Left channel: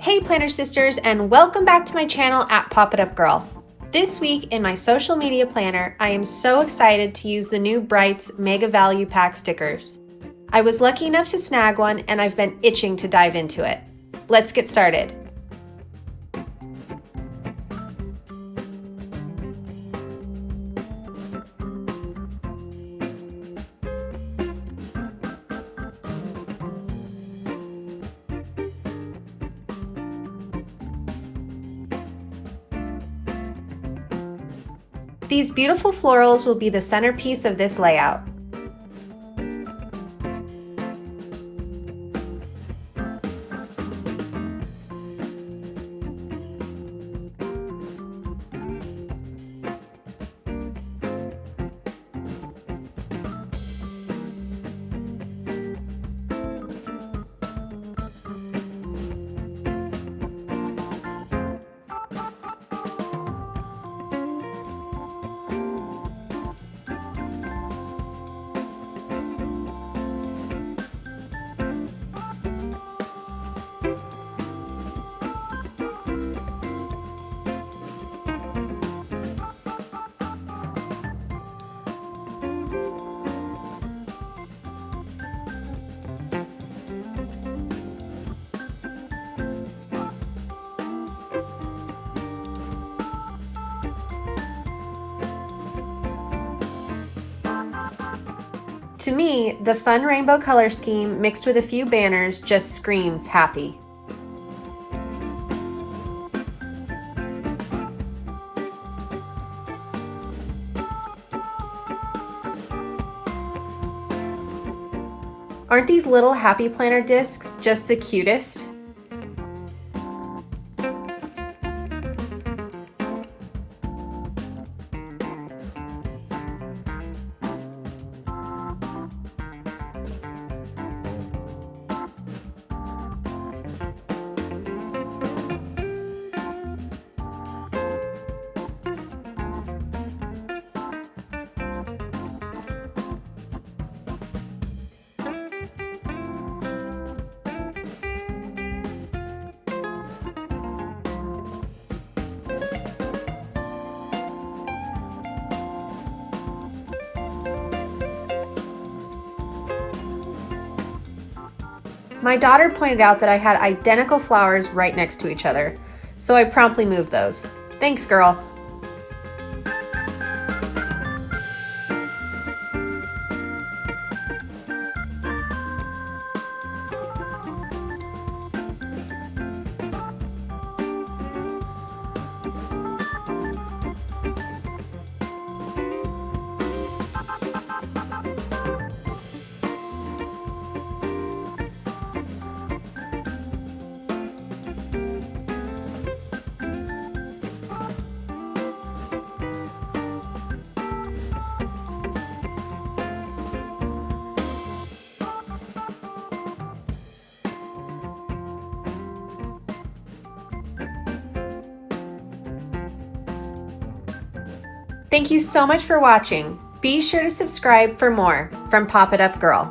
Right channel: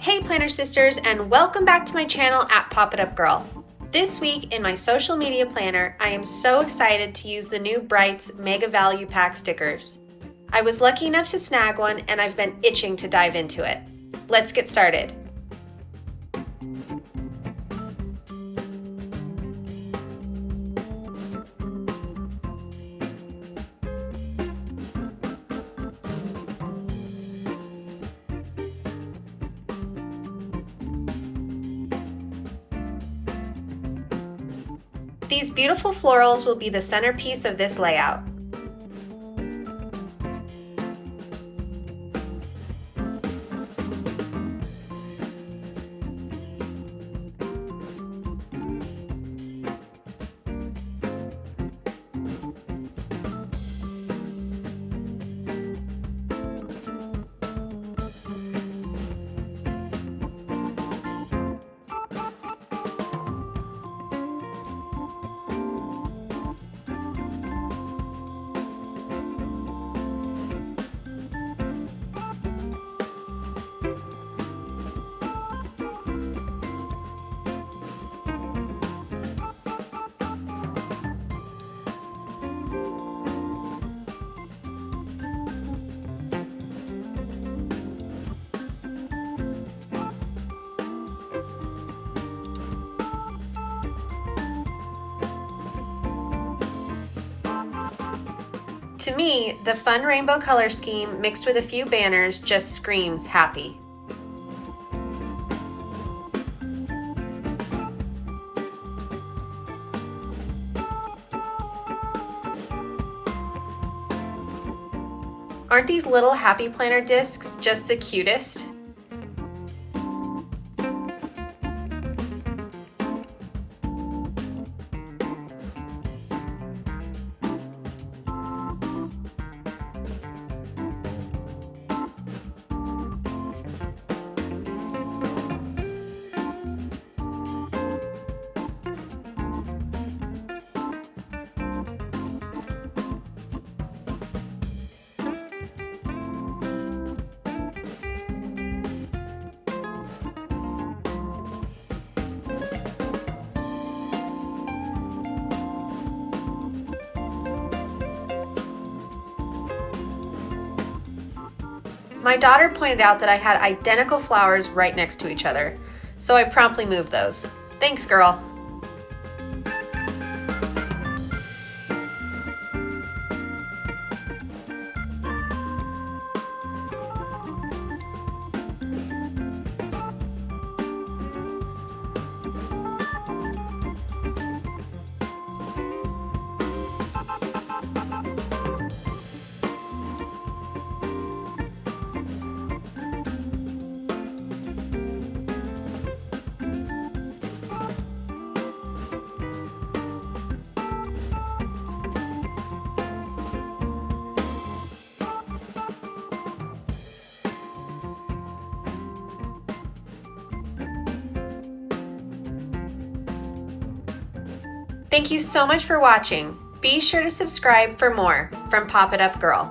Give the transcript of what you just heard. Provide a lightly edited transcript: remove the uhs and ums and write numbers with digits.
Hey Planner Sisters, and welcome back to my channel at Pop It Up Girl. This week in my social media planner, I am so excited to use the new Brights Mega Value Pack stickers. I was lucky enough to snag one and I've been itching to dive into it. Let's get started. These beautiful florals will be the centerpiece of this layout. To me, the fun rainbow color scheme mixed with a few banners just screams happy. Aren't these little happy planner discs just the cutest? My daughter pointed out that I had identical flowers right next to each other, so I promptly moved those. Thanks, girl. Thank you so much for watching. Be sure to subscribe for more from Pop It Up Girl.